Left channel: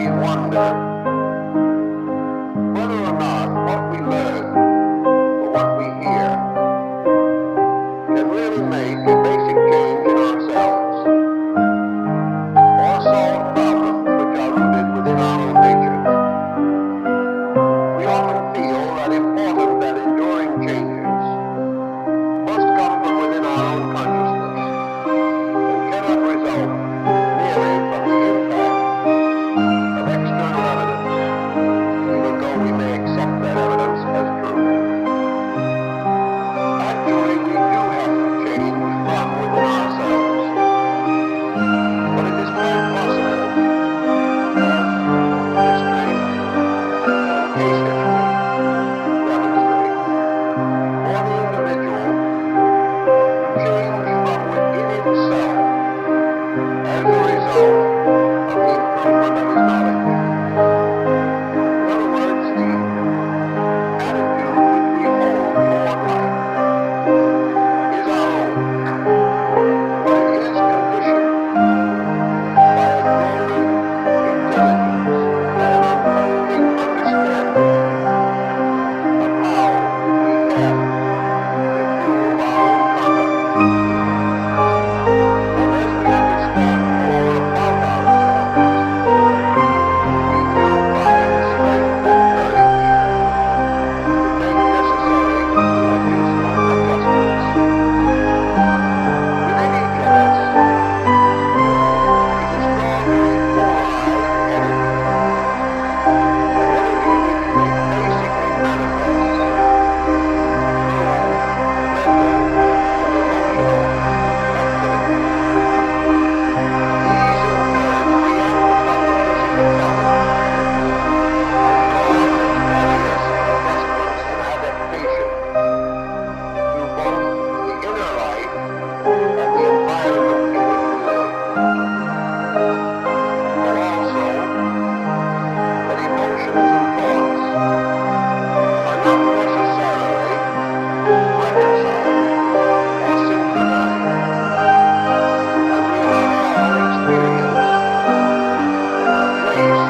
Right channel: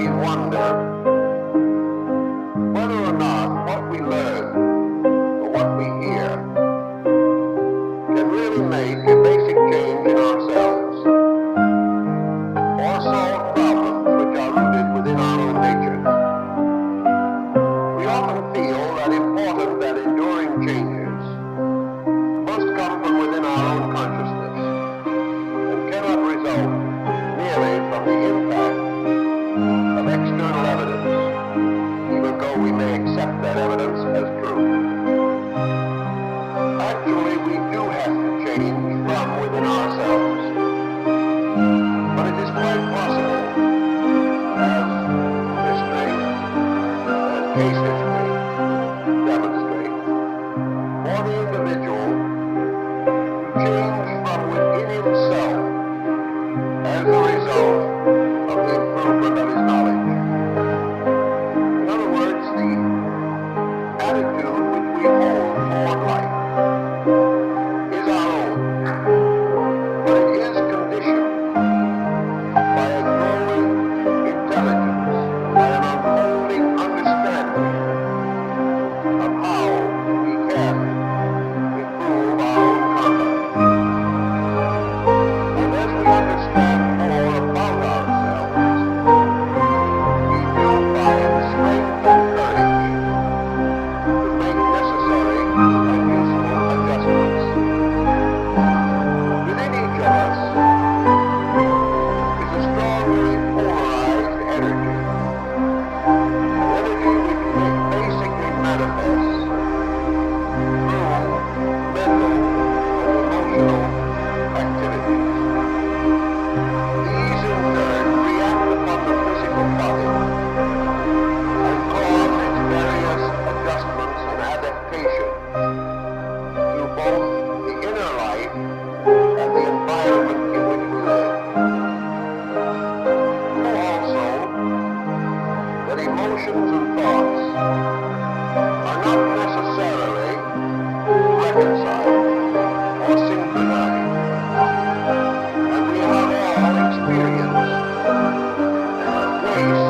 we wonder whether or not what we learn or what we hear can really make a basic change in ourselves or solve problems which are rooted within our own natures. We often feel that important and enduring changes must come from within our own consciousness and cannot result merely from the impact of external evidence, even though we may accept that evidence as true. Actually, we do have to change from within ourselves, but it is quite possible, as history and case history demonstrate, for the individual to change from within himself as a result of the improvement of his knowledge. In other words, the attitude which we hold toward life is our own, but it is conditioned by a growing intelligence, by an unfolding understanding of how we can improve our own conduct. And as we understand more about ourselves, we do find strength and courage to make necessary and useful adjustments. Within each of us is a strongly polarized energy, an energy which basically manifests through mental and emotional activities. These in turn react upon the physical body and cause its various adjustments and adaptations to both the inner life and the environment in which we live. Know also that emotions and thoughts are not necessarily reconciled or synchronized, and we have all experienced ways